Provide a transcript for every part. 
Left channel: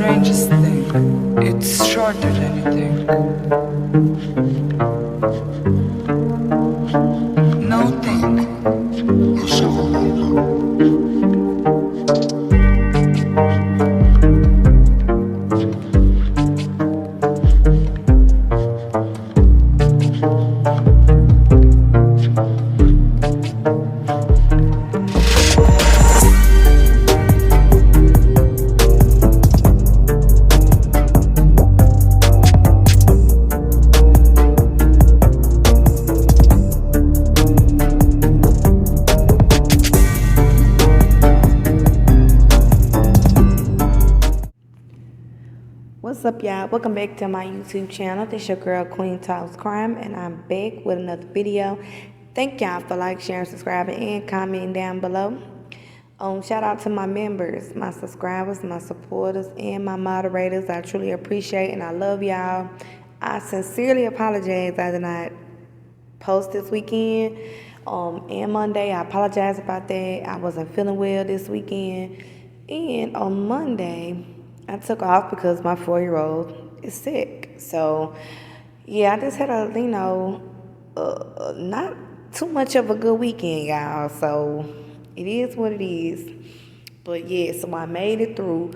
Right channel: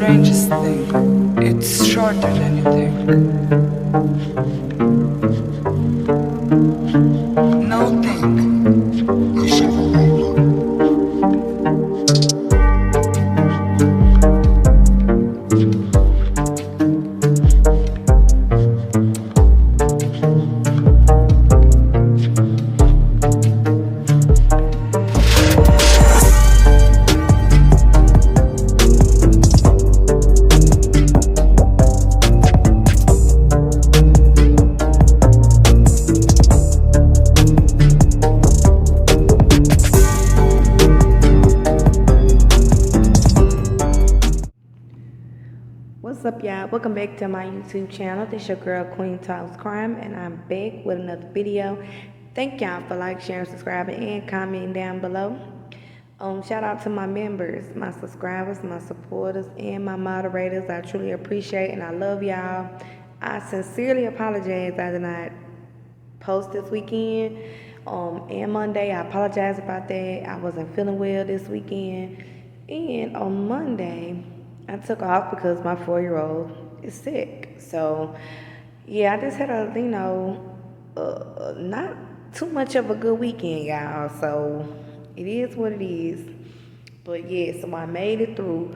strangest thing. It's shorter than you think. No think. It's short. What's up, y'all? Welcome back to my YouTube channel. This your girl Queen Talks Crime, and I'm back with another video. Thank y'all for like, sharing, subscribing, and commenting down below. Shout out to my members, my subscribers, my supporters, and my moderators. I truly appreciate and I love y'all. I sincerely apologize I did not post this weekend and Monday. I apologize about that. I wasn't feeling well this weekend, and on Monday I took off because my 4-year-old is sick. So, yeah, I just had a, not too much of a good weekend, y'all. So, it is what it is. But, yeah, so I made it through.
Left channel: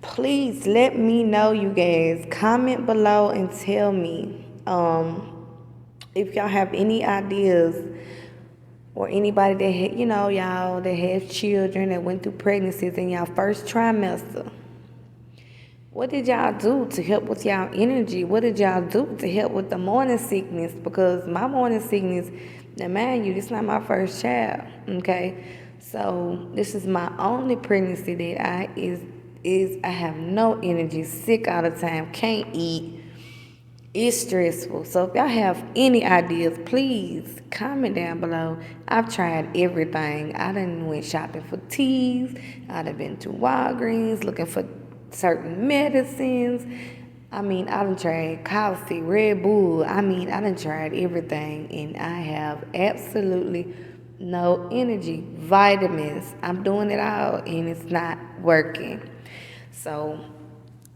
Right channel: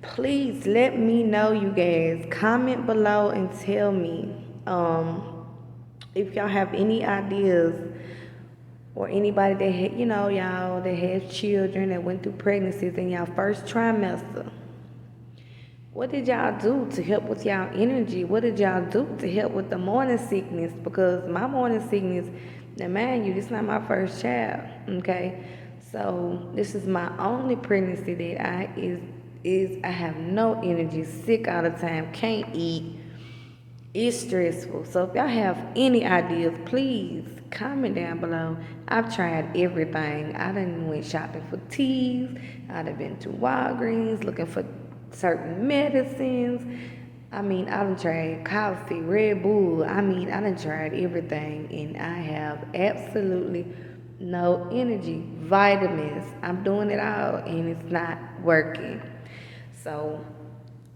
Please let me know, you guys. Comment below and tell me if y'all have any ideas or anybody that, y'all that has children that went through pregnancies in y'all first trimester. What did y'all do to help with y'all energy? What did y'all do to help with the morning sickness? Because my morning sickness, now mind you, this is not my first child, okay? So this is my only pregnancy that I have no energy, sick all the time, can't eat. It's stressful. So if y'all have any ideas, please comment down below. I've tried everything. I done went shopping for teas. I done been to Walgreens looking for certain medicines. I done tried coffee, Red Bull. I done tried everything, and I have absolutely no energy. Vitamins, I'm doing it all, and it's not working. So,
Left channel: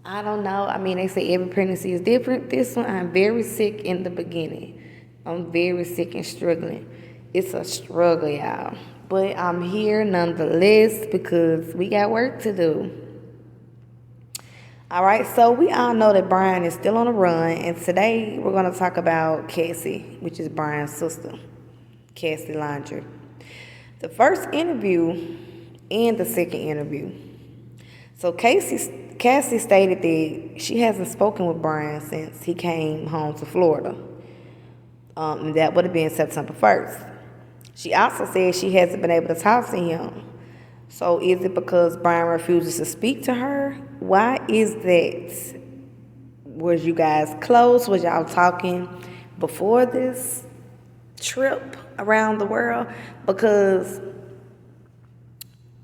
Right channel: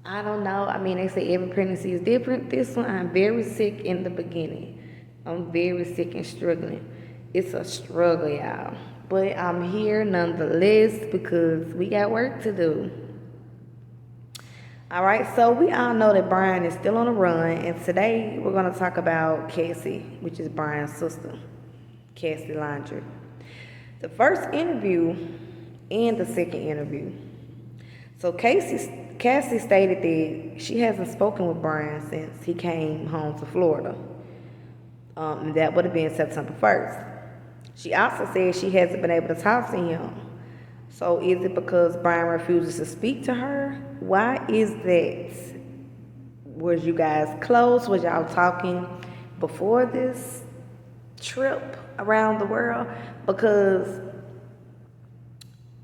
I don't know. They say every pregnancy is different. This one, I'm very sick in the beginning. I'm very sick and struggling. It's a struggle, y'all. But I'm here nonetheless because we got work to do. All right, so we all know that Brian is still on the run, and today we're going to talk about Cassie, which is Brian's sister, Cassie LAUNDRIE. The first interview and the second interview. So Cassie stated that she hasn't spoken with Brian since he came home to Florida. That would have been September 1st. She also said she hasn't been able to talk to him. So is it because Brian refuses to speak to her? Why is that? Was you guys close? Was y'all talking before this trip around the world? Because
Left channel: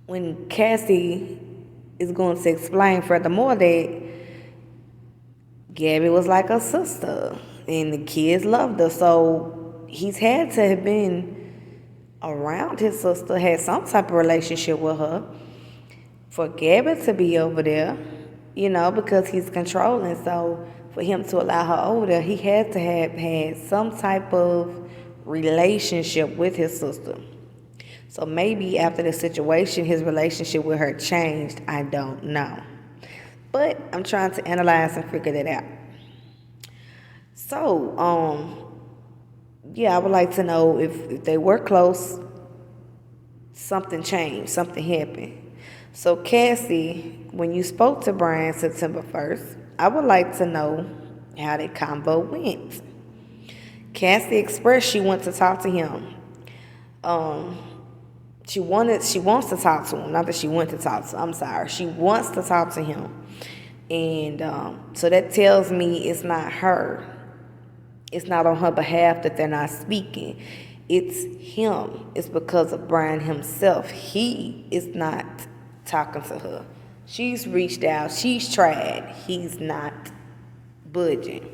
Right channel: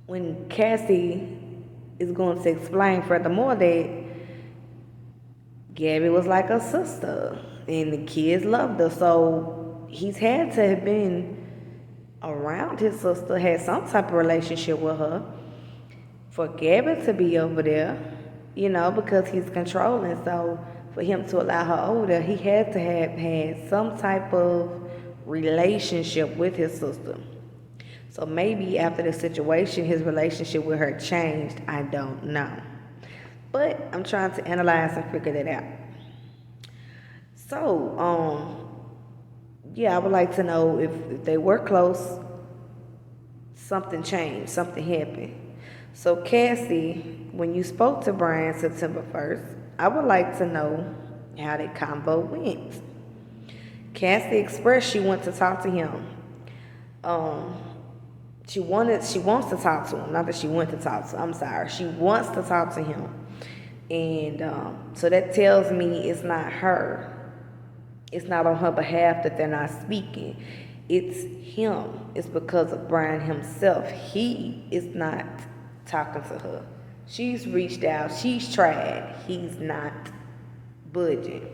when Cassie is going to explain furthermore that Gabby was like a sister and the kids loved her, so he's had to have been around his sister, had some type of relationship with her, for Gabby to be over there, because he's controlling. So for him to allow her over there, he had to have had some type of relationship with his sister. So maybe after the situation, his relationship with her changed. I don't know. But I'm trying to analyze and figure that out. So, yeah, I would like to know if they were close, something changed, something happened. So, Cassie, when you spoke to Brian September 1st, I would like to know how that convo went. Cassie expressed she wants to talk to him. She wants to talk to him. Not that she went to talk to him. I'm sorry. She wants to talk to him. And so that tells me it's not her. It's not on her behalf that they're not speaking. It's him. It's because of Brian himself. He is not talking to her. She's reached out. She's tried. He's not budging.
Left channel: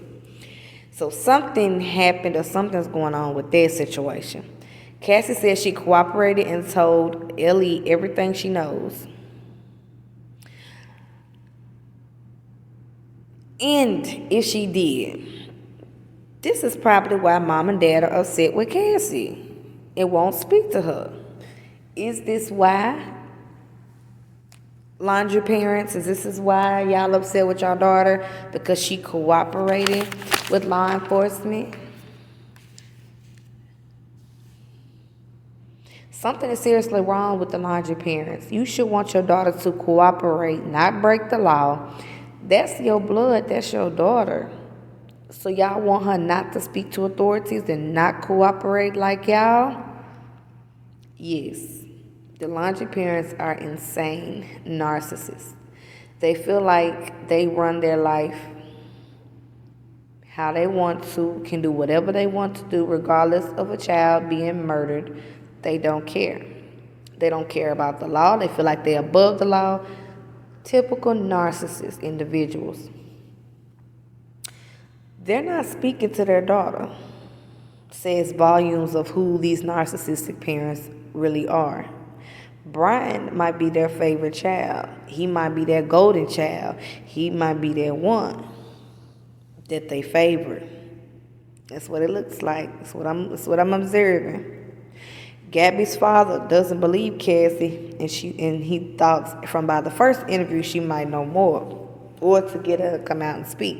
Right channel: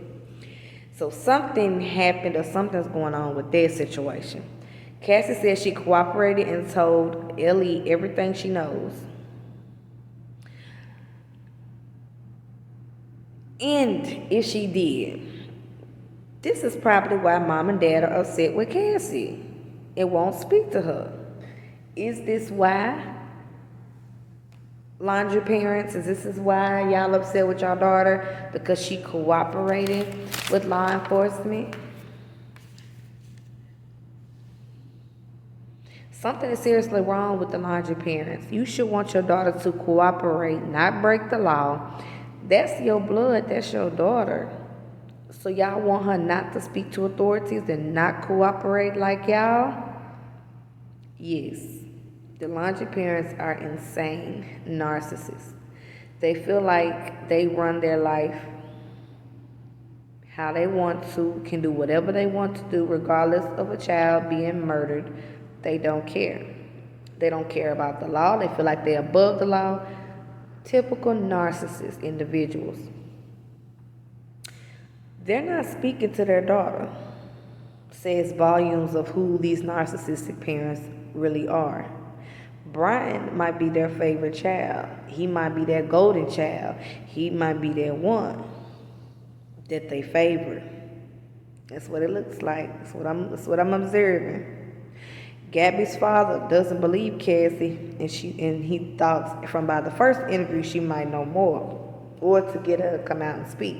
So something happened or something's going on with their situation. Cassie said she cooperated and told Ellie everything she knows. And if she did, this is probably why mom and dad are upset with Cassie and won't speak to her. Is this why, laundry parents? Is this why y'all upset with your daughter? Because she cooperated with law enforcement? Something is seriously wrong with the laundry parents. You should want your daughter to cooperate, not break the law. That's your blood, that's your daughter. So y'all want her not to speak to authorities and not cooperate like y'all? Yes. The laundry parents are insane narcissists. They feel like they run their life how they want to, can do whatever they want to do, regardless of a child being murdered. They don't care. They don't care about the law. They feel like they're above the law. Typical narcissist individuals. They're not speaking to their daughter. Says volumes of who these narcissistic parents really are. Brian might be their favorite child. He might be their golden child. He might be their one that they favor. That's what it looks like. That's what I'm observing. Gabby's father doesn't believe Cassie, and he thought from by the first interview she might know more, or to get her to come out and speak.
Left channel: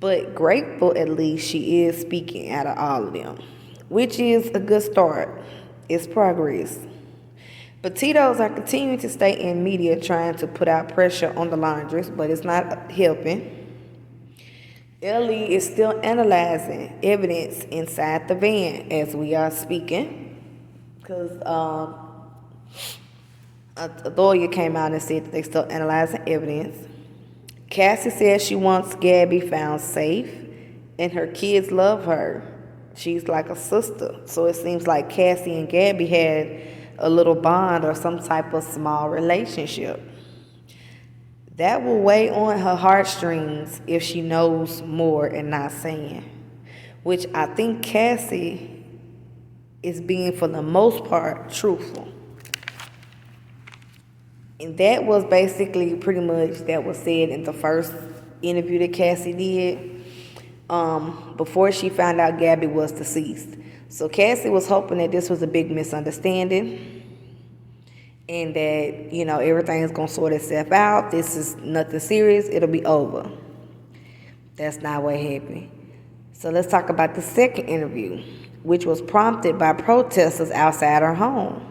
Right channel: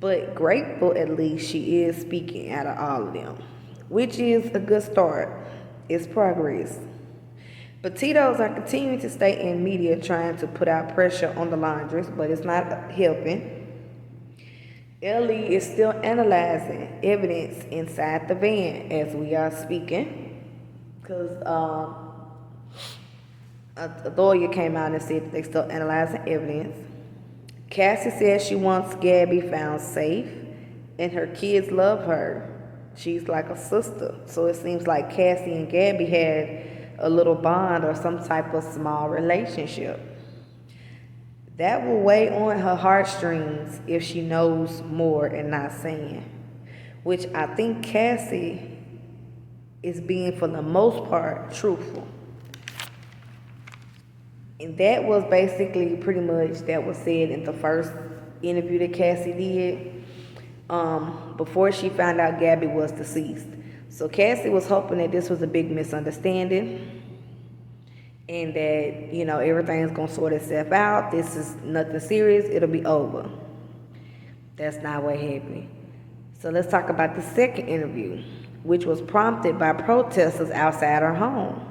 But grateful at least she is speaking out of all of them, which is a good start. It's progress. PETITOs are continuing to stay in media trying to put out pressure on the laundress, but it's not helping. Ellie is still analyzing evidence inside the van as we are speaking, because a lawyer came out and said that they're still analyzing evidence. Cassie says she wants Gabby found safe, and her kids love her. She's like a sister, so it seems like Cassie and Gabby had a little bond or some type of small relationship. That will weigh on her heartstrings if she knows more and not saying, which I think Cassie is being, for the most part, truthful. And that was basically pretty much that was said in the first interview that Cassie did before she found out Gabby was deceased. So Cassie was hoping that this was a big misunderstanding and that, everything's going to sort itself out. This is nothing serious. It'll be over. That's not what happened. So let's talk about the second interview, which was prompted by protesters outside her home.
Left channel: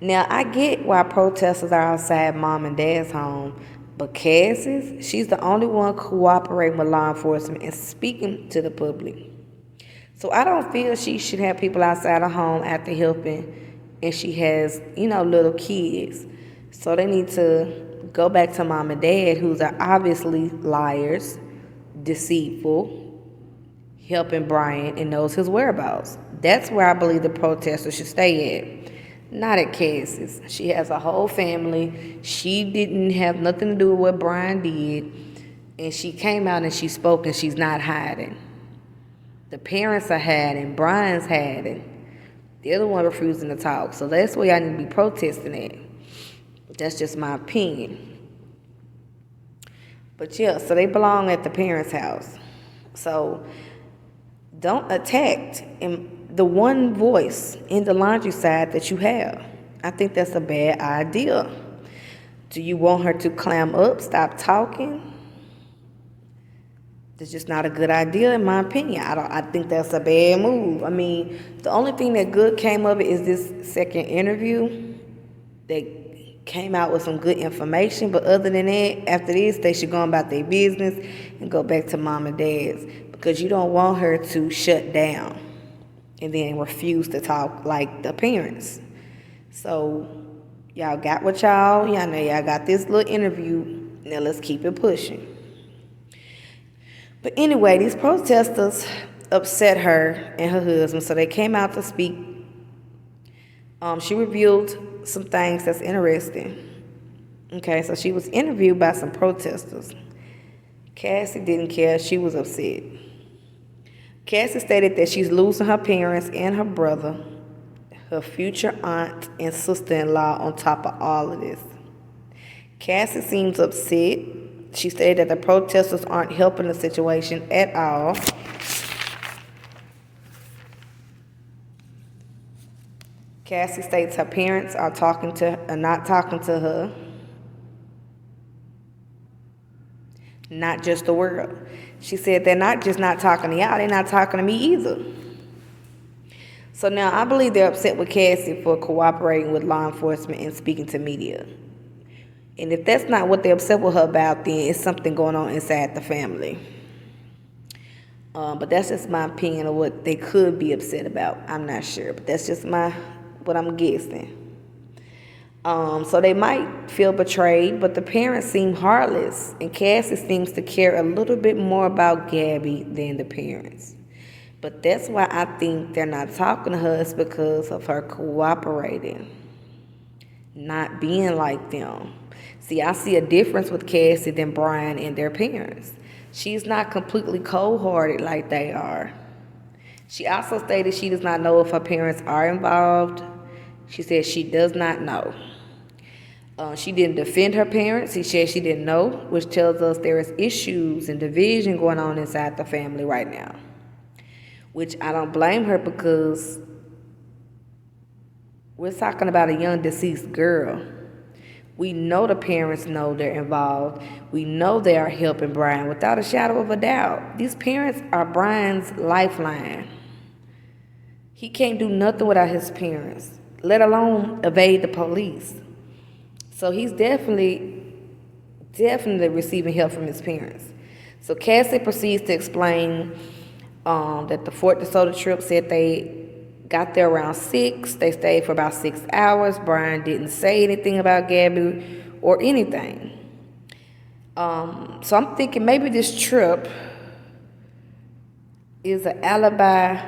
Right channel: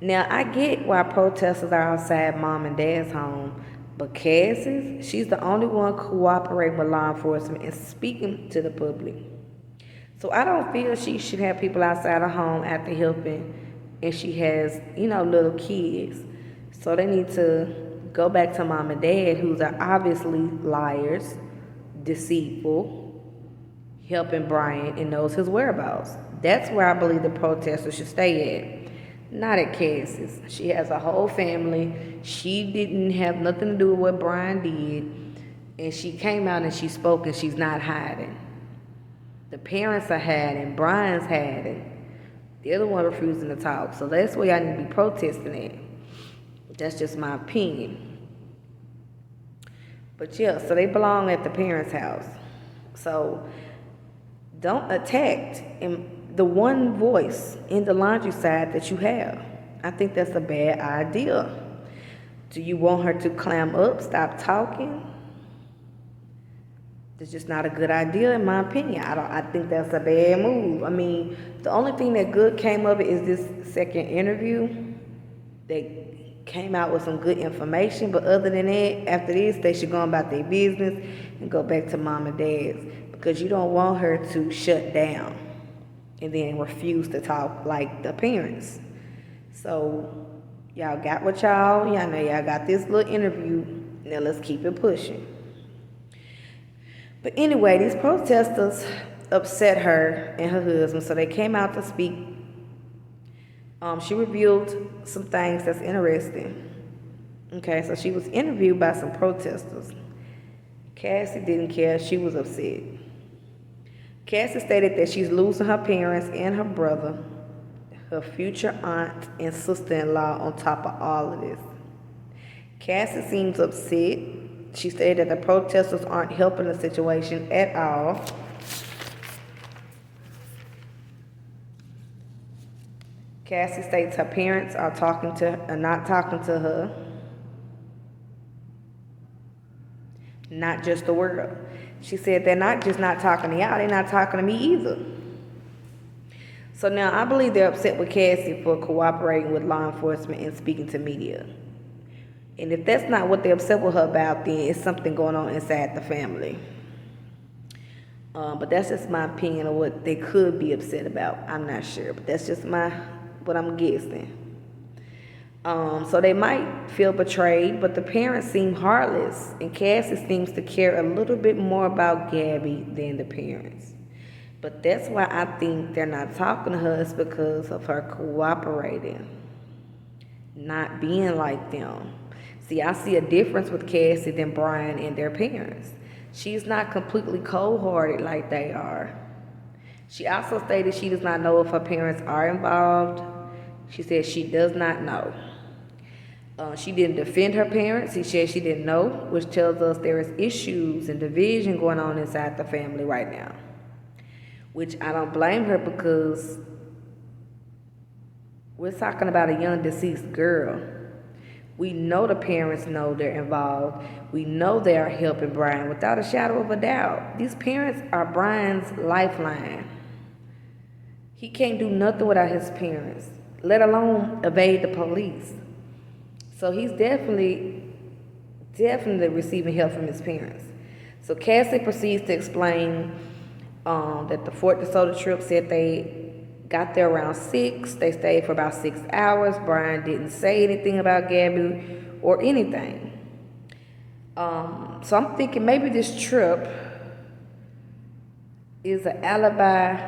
Now, I get why protesters are outside mom and dad's home, but Cassie's, she's the only one cooperating with law enforcement and speaking to the public. So I don't feel she should have people outside her home after helping, and she has, little kids. So they need to go back to mom and dad, who's are obviously liars, deceitful, helping Brian, and knows his whereabouts. That's where I believe the protesters should stay at. Not at Cassie's. She has a whole family. She didn't have nothing to do with what Brian did. And she came out and she spoke, and she's not hiding. The parents are hiding. Brian's hiding. The other one refusing to talk. So that's where y'all need to be protesting at. That's just my opinion. But yeah, so they belong at the parents' house. So don't attack the one voice in the laundry side that you have. I think that's a bad idea. Do you want her to clam up, stop talking? It's just not a good idea, in my opinion. I think that's a bad move. I mean, the only thing that good came of it is this second interview. They came out with some good information, but other than that, after this, they should go about their business and go back to mom and dad's, because you don't want her to shut down and then refuse to talk like the parents. So y'all got what y'all know. Y'all got this little interview. Now let's keep it pushing. But anyway, these protesters upset her and her husband, so they came out to speak. She revealed some things that's interesting. Okay, so she was interviewed by some protesters. Cassie didn't care. She was upset. Cassie stated that she's losing her parents and her brother, her future aunt and sister-in-law on top of all of this. Cassie seems upset She stated that the protesters aren't helping the situation at all. Cassie states her parents are not talking to her. Not just the world. She said they're not just not talking to y'all, they're not talking to me either. So now I believe they're upset with Cassie for cooperating with law enforcement and speaking to media. And if that's not what they're upset with her about, then it's something going on inside the family. But that's just my opinion of what they could be upset about. I'm not sure, but that's just what I'm guessing. So they might feel betrayed, but the parents seem heartless, and Cassie seems to care a little bit more about Gabby than the parents. But that's why I think they're not talking to her, is because of her cooperating, not being like them. See, I see a difference with Cassie than Brian and their parents. She's not completely cold-hearted like they are. She also stated she does not know if her parents are involved. She said she does not know. She didn't defend her parents. She said she didn't know, which tells us there is issues and division going on inside the family right now. Which I don't blame her, because we're talking about a young deceased girl. We know the parents know they're involved. We know they are helping Brian without a shadow of a doubt. These parents are Brian's lifeline. He can't do nothing without his parents, let alone evade the police. So he's definitely receiving help from his parents. So Cassie proceeds to explain that the Fort DeSoto trip said they got there around 6. They stayed for about 6 hours. Brian didn't say anything about Gabby or anything. So I'm thinking maybe this trip is an alibi,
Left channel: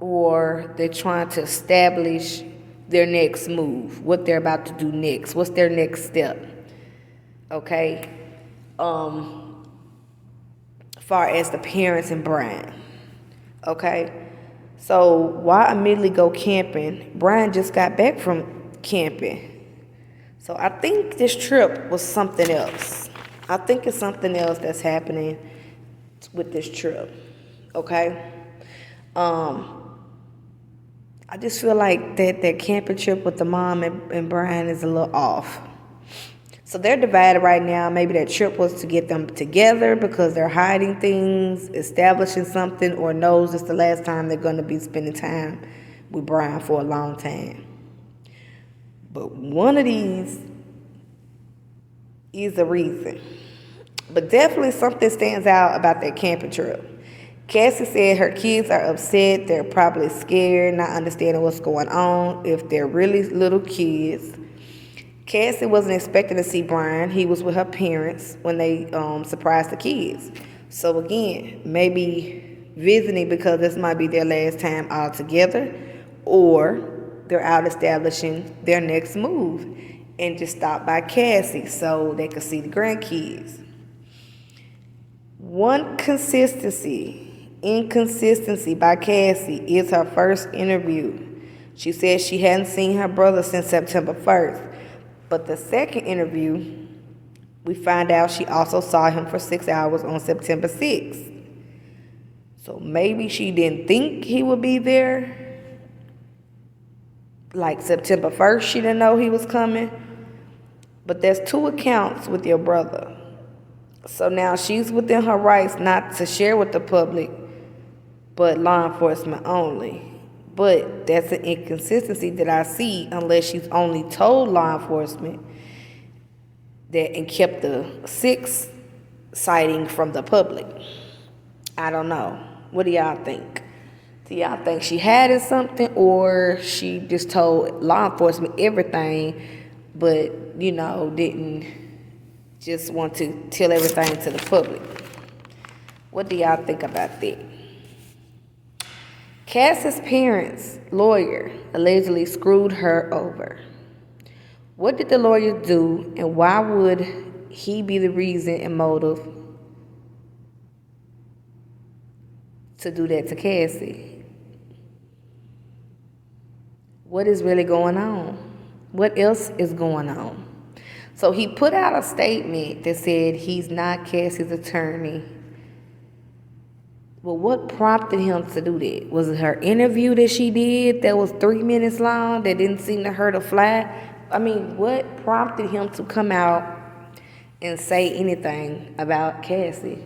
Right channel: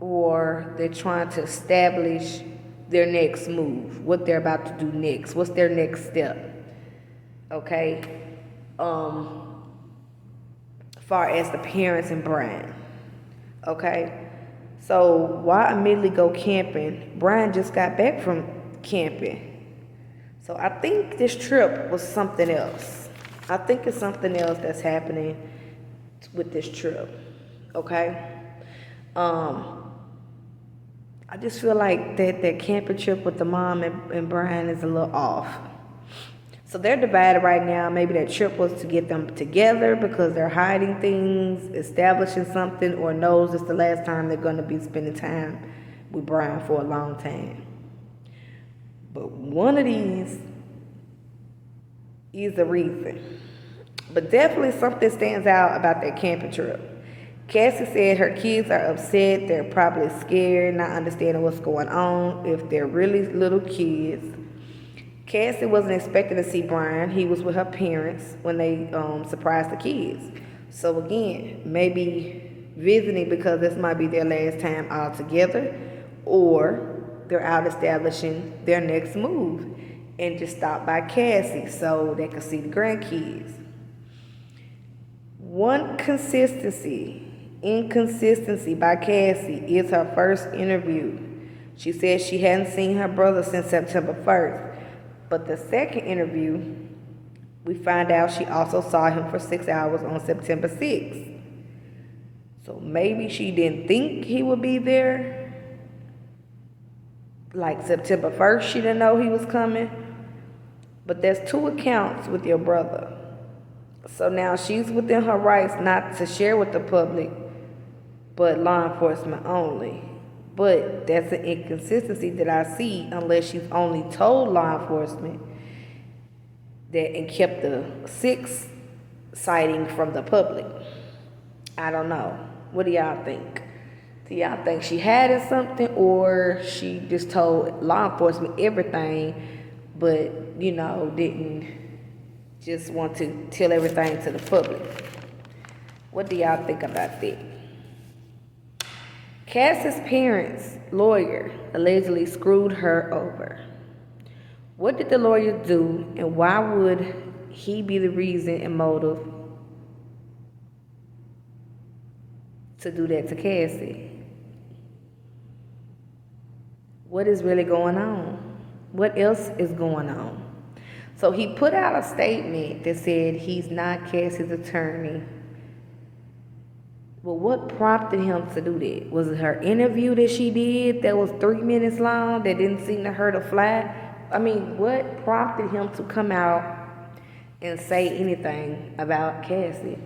or they're trying to establish their next move, what they're about to do next, what's their next step, okay? Far as the parents and Brian, okay? So why immediately go camping? Brian just got back from camping. So I think this trip was something else. I think it's something else that's happening with this trip, okay? I just feel like that camping trip with the mom and Brian is a little off. So they're divided right now. Maybe that trip was to get them together because they're hiding things, establishing something, or knows it's the last time they're going to be spending time with Brian for a long time. But one of these is the reason. But definitely something stands out about that camping trip. Cassie said her kids are upset. They're probably scared, not understanding what's going on if they're really little kids. Cassie wasn't expecting to see Brian. He was with her parents when they surprised the kids. So again, maybe visiting because this might be their last time all together, or they're out establishing their next move and just stop by Cassie so they could see the grandkids. One inconsistency by Cassie is her first interview. She said she hadn't seen her brother since September 1st. But the second interview, we find out she also saw him for 6 hours on September 6th. So maybe she didn't think he would be there. Like September 1st, she didn't know he was coming. But there's 2 accounts with your brother. So now she's within her rights not to share with the public, but law enforcement only. But that's an inconsistency that I see, unless she's only told law enforcement that and kept the 6 sighting from the public. I don't know. What do y'all think? Do y'all think she had something, or she just told law enforcement everything, but, didn't just want to tell everything to the public? What do y'all think about that? Cassie's parents' lawyer allegedly screwed her over. What did the lawyer do, and why would he be the reason and motive to do that to Cassie? What is really going on? What else is going on? So he put out a statement that said he's not Cassie's attorney. Well, what prompted him to do that? Was it her interview that she did that was 3 minutes long that didn't seem to hurt a fly? I mean, what prompted him to come out and say anything about Cassie?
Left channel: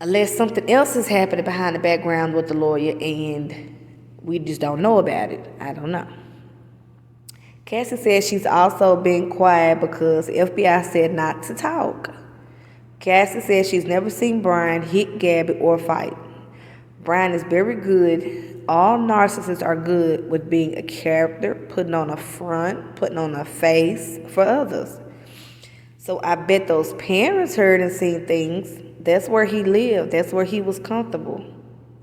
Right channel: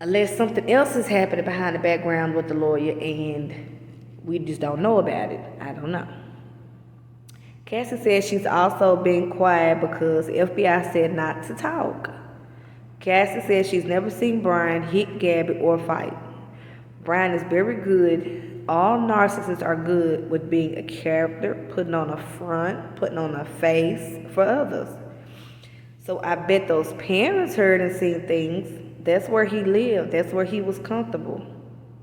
Unless something else is happening behind the background with the lawyer and we just don't know about it. I don't know. Cassie says she's also been quiet because FBI said not to talk. Cassie says she's never seen Brian hit Gabby or fight. Brian is very good. All narcissists are good with being a character, putting on a front, putting on a face for others. So I bet those parents heard and seen things. That's where he lived. That's where he was comfortable.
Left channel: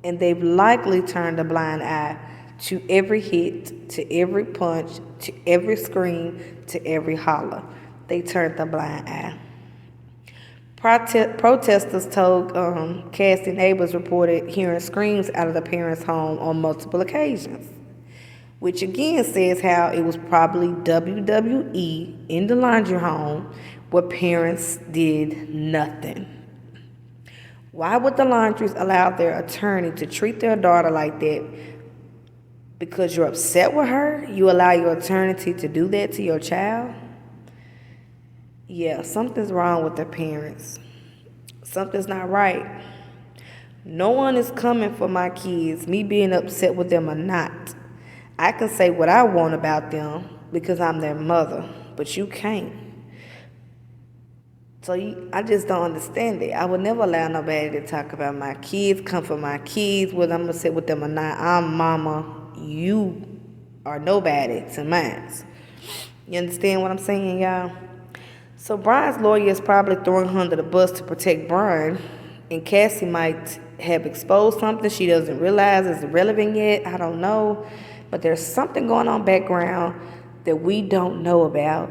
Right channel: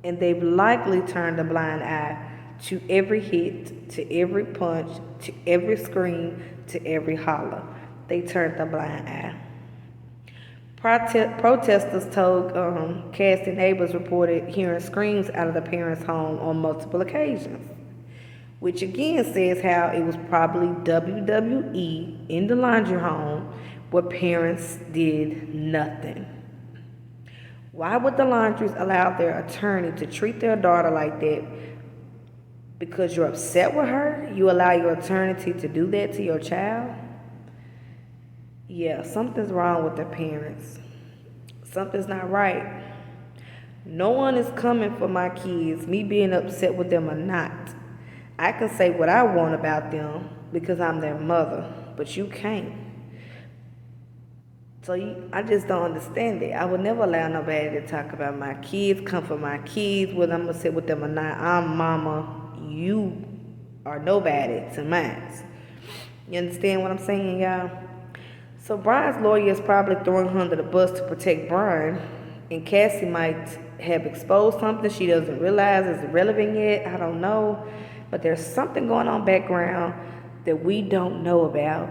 And they've likely turned a blind eye to every hit, to every punch, to every scream, to every holler. They turned a blind eye. Protesters told Cassie neighbors reported hearing screams out of the parents' home on multiple occasions, which again says how it was probably WWE in the laundry home where parents did nothing. Why would the Laundries allow their attorney to treat their daughter like that? Because you're upset with her? You allow your attorney to do that to your child? Yeah, something's wrong with their parents. Something's not right. No one is coming for my kids, me being upset with them or not. I can say what I want about them because I'm their mother, but you can't. So I just don't understand it. I would never allow nobody to talk about my kids, come for my kids, whether I'm going to sit with them or not. I'm mama. You are nobody to mine. You understand what I'm saying, y'all? So Brian's lawyer is probably throwing her under the bus to protect Brian, and Cassie might have exposed something she doesn't realize is irrelevant yet. I don't know. But there's something going on background that we don't know about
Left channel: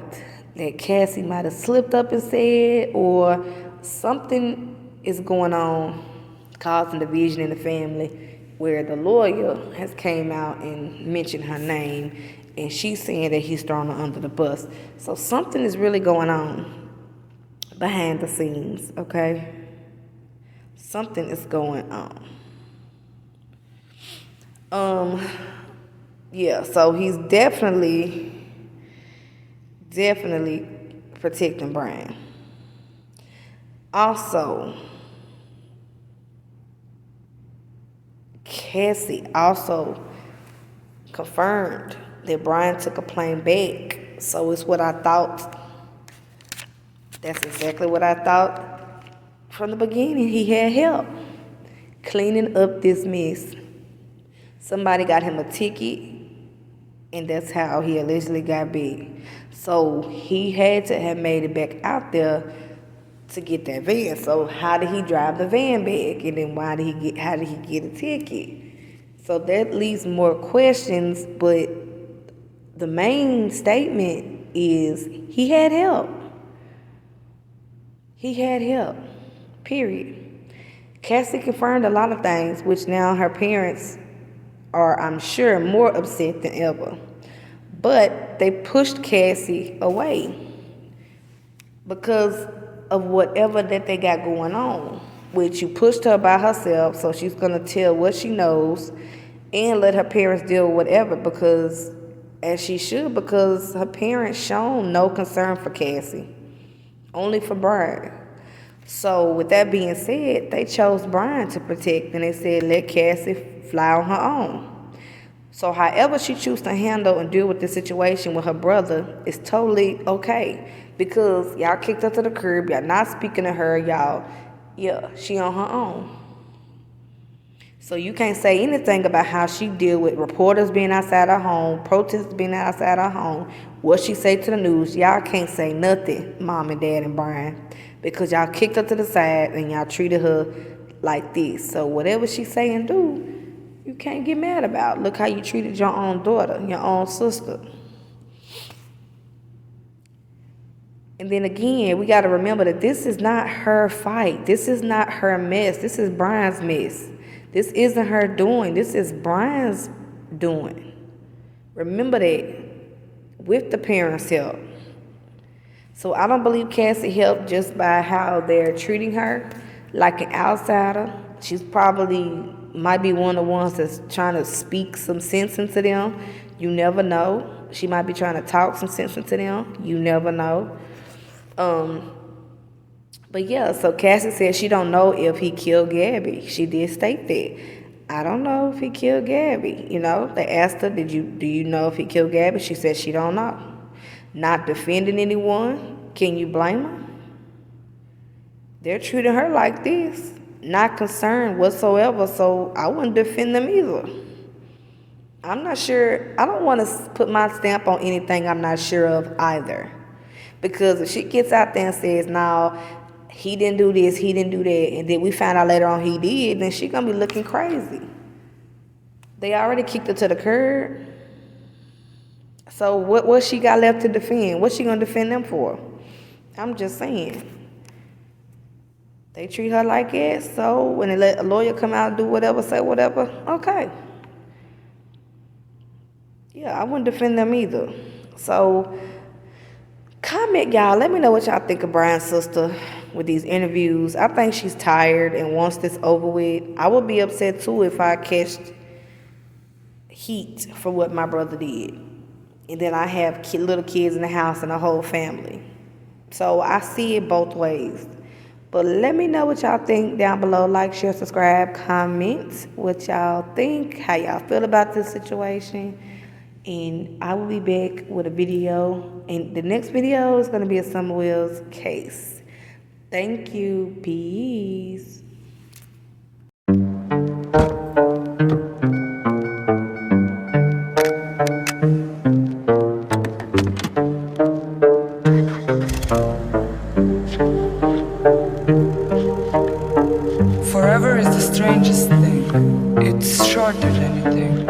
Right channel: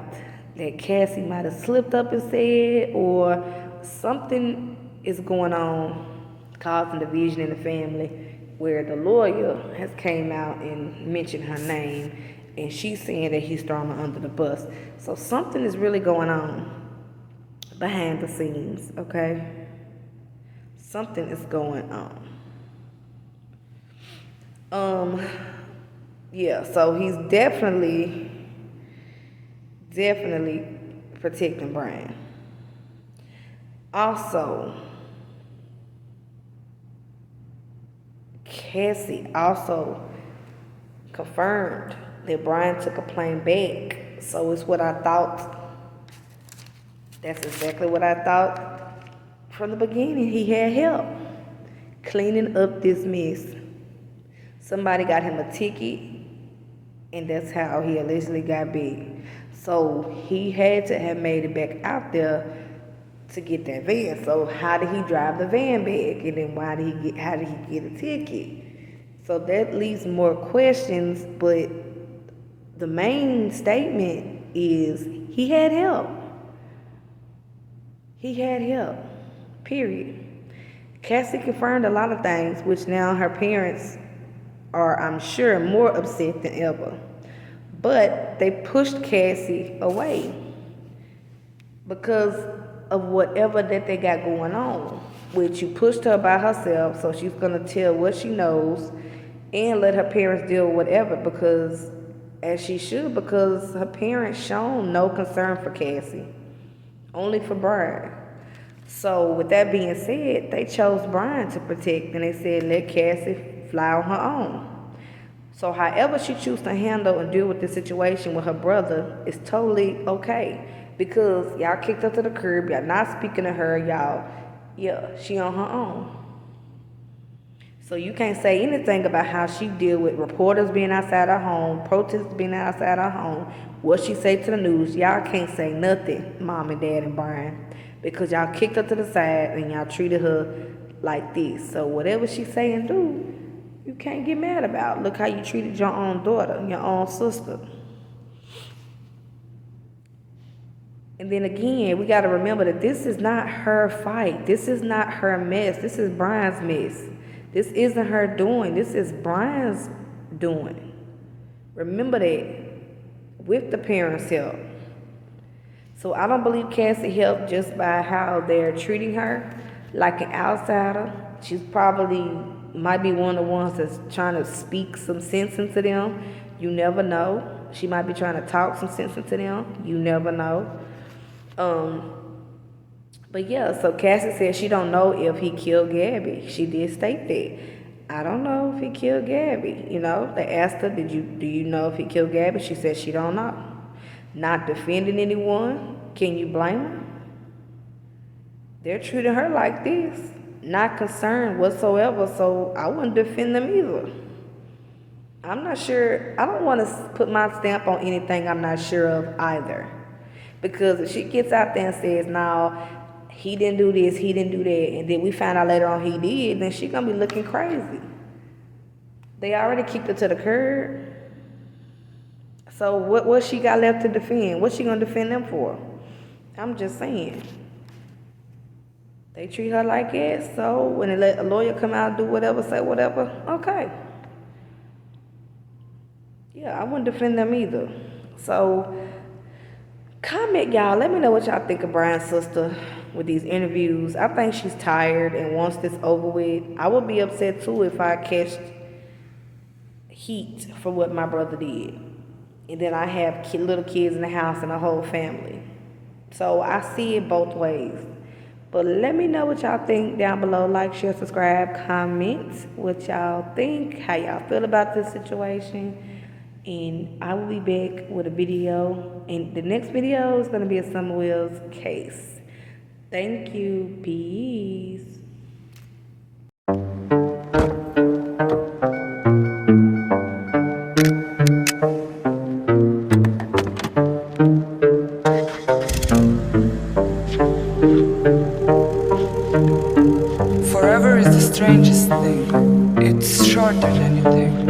that Cassie might have slipped up and said, or something is going on causing division in the family where the lawyer has came out and mentioned her name, and she's saying that he's throwing her under the bus. So something is really going on behind the scenes, okay? Something is going on. Yeah, so he's definitely protecting Brian. Also, Cassie also confirmed that Brian took a plane back. So it's what I thought. That's exactly what I thought from the beginning. He had help cleaning up this mess. Somebody got him a ticket, and that's how he allegedly got big. So he had to have made it back out there to get that van. So how did he drive the van back? And then how did he get a ticket? So that leaves more questions, but the main statement is he had help. He had help, period. Cassie confirmed a lot of things, which now her parents are, I'm sure, more upset than ever. But they pushed Cassie away because of whatever that they got going on, which you pushed her by herself, so she's going to tell what she knows and let her parents deal with whatever, because as she should, because her parents shown no concern for Cassie, only for Brian. So with that being said, they chose Brian to protect, and they said let Cassie fly on her own. So however she chooses to handle and deal with the situation with her brother is totally okay, because y'all kicked her to the curb, y'all not speaking to her, she on her own. So you can't say anything about how she deal with reporters being outside her home, protesters being outside her home, what she say to the news. Y'all can't say nothing, Mom and Dad and Brian, because y'all kicked her to the side and y'all treated her like this. So whatever she say and do, you can't get mad about. Look how you treated your own daughter, your own sister. And then again, we got to remember that this is not her fight. This is not her mess. This is Brian's mess. This isn't her doing. This is Brian's doing. Remember that, with the parents' help. So I don't believe Cassie helped just by how they're treating her like an outsider. She's probably might be one of the ones that's trying to speak some sense into them. You never know. She might be trying to talk some sense into them. You never know. But yeah, so Cassie said she don't know if he killed Gabby. She did state that. I don't know if he killed Gabby. You know, they asked her, do you know if he killed Gabby? She said she don't know. Not defending anyone. Can you blame her? They're treating her like this. Not concerned whatsoever, so I wouldn't defend them either. I'm not sure. I don't want to put my stamp on anything I'm not sure of either. Because if she gets out there and says, no, he didn't do this, he didn't do that, and then we find out later on he did, then she's going to be looking crazy. They already kicked her to the curb. So what she got left to defend? What's she going to defend them for? I'm just saying. They treat her like that, so when they let a lawyer come out and do whatever, say whatever, okay. Yeah, I wouldn't defend them either. So comment, y'all. Let me know what y'all think of Brian's sister with these interviews. I think she's tired and wants this over with. I would be upset too if I catch heat for what my brother did. And then I have little kids in the house and a whole family. So I see it both ways. But let me know what y'all think down below. Like, share, subscribe, comment what y'all think, how y'all feel about this situation. And I will be back with a video. And the next video is going to be a Summer Wills case. Thank you. Peace. Forever is the strangest thing. It's shorter than you think.